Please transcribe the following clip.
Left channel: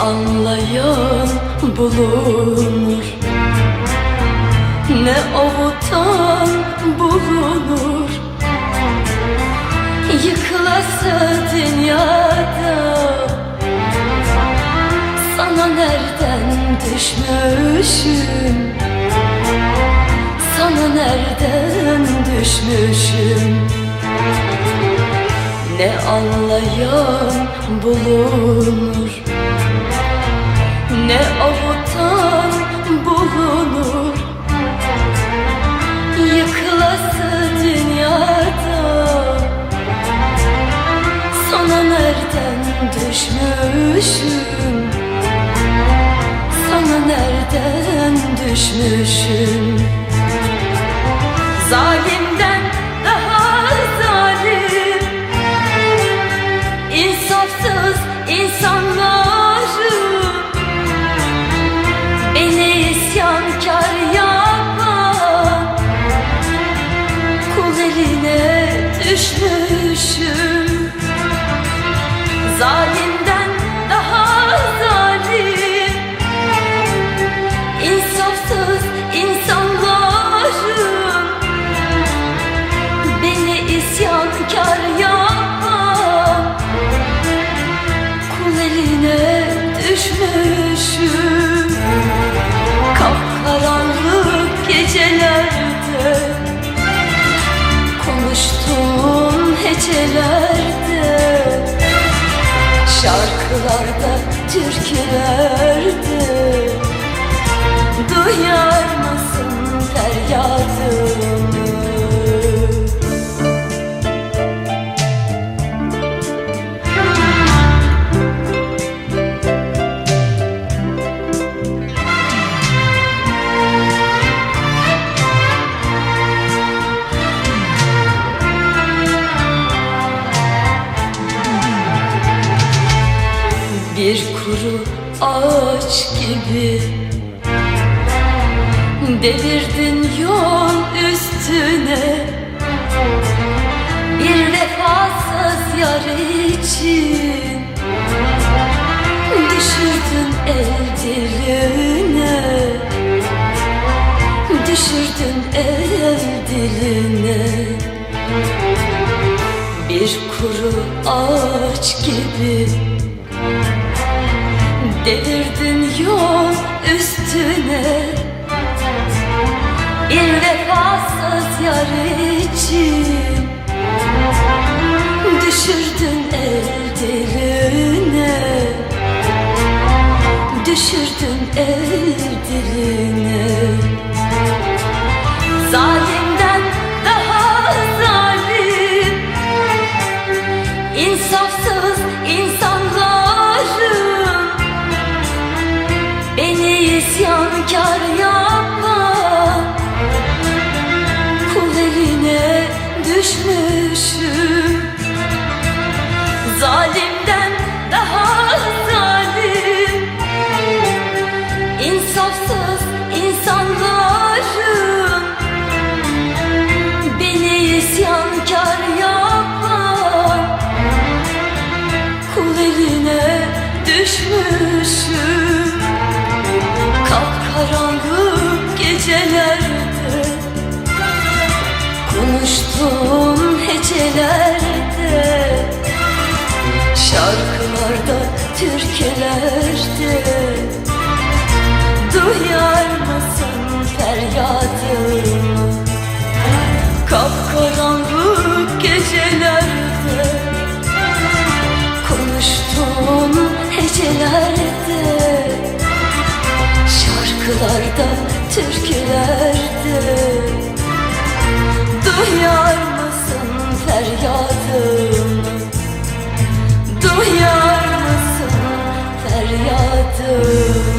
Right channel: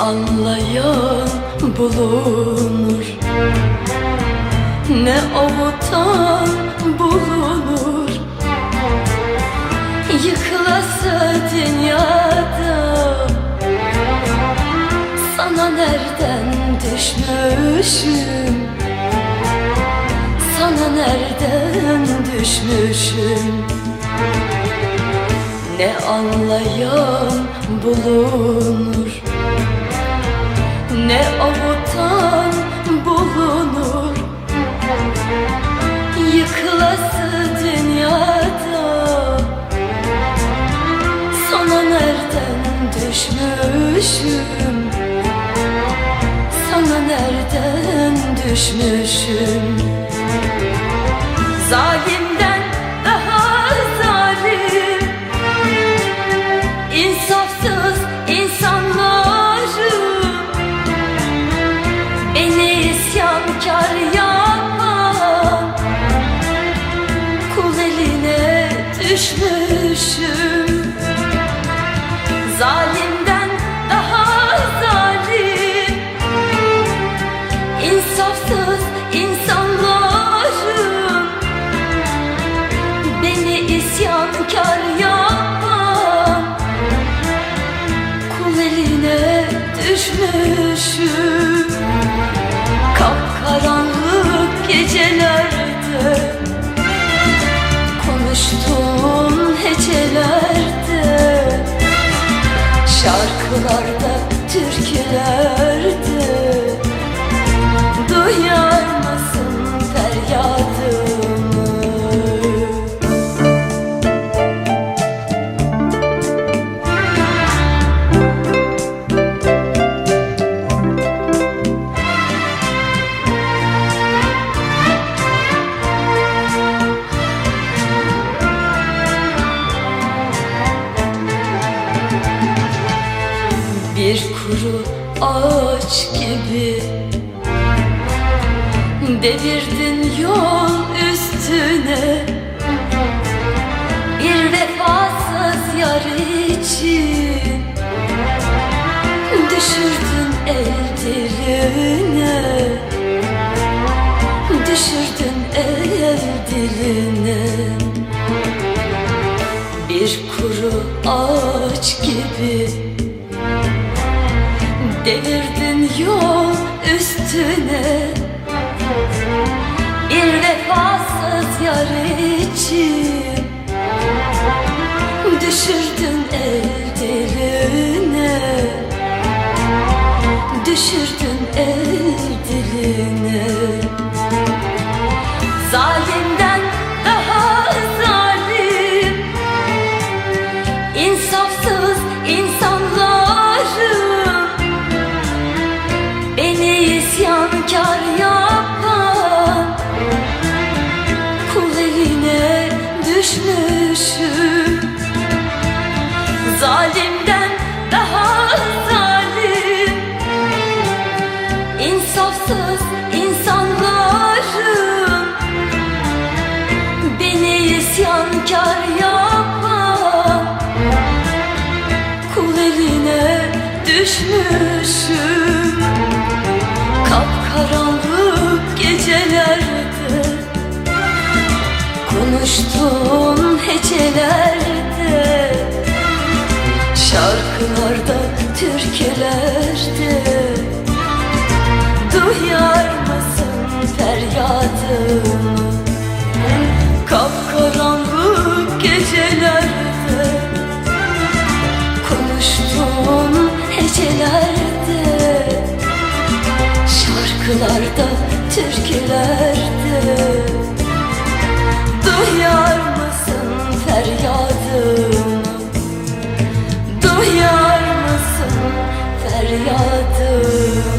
anlayan bulunur. Ne avutan bulunur. Yıkılası dünyada Sana nereden düşmüşüm? Sana nereden düşmüşüm? Ne anlayan bulunur Ne avutan bulunur? Yıkılası dünyada. Sana nereden düşmüşüm? Sana nereden düşmüşüm? Zalimden düşmüşüm. Zalimden Hecelerde Şarkılarda, türkülerde Duyar mısın feryadımı? Kuru ağaç gibi. Delirdin yol üstüne. Bir vefasız yar için Düşürdün el diline Düşürdün el diline Bir kuru ağaç gibi Düşürdün el diline Zalimden Konuştuğum hecelerde Şarkılarda, türkülerde Duyar mısın feryadımı Duyar mısın feryadımı Duyar mısın feryadımı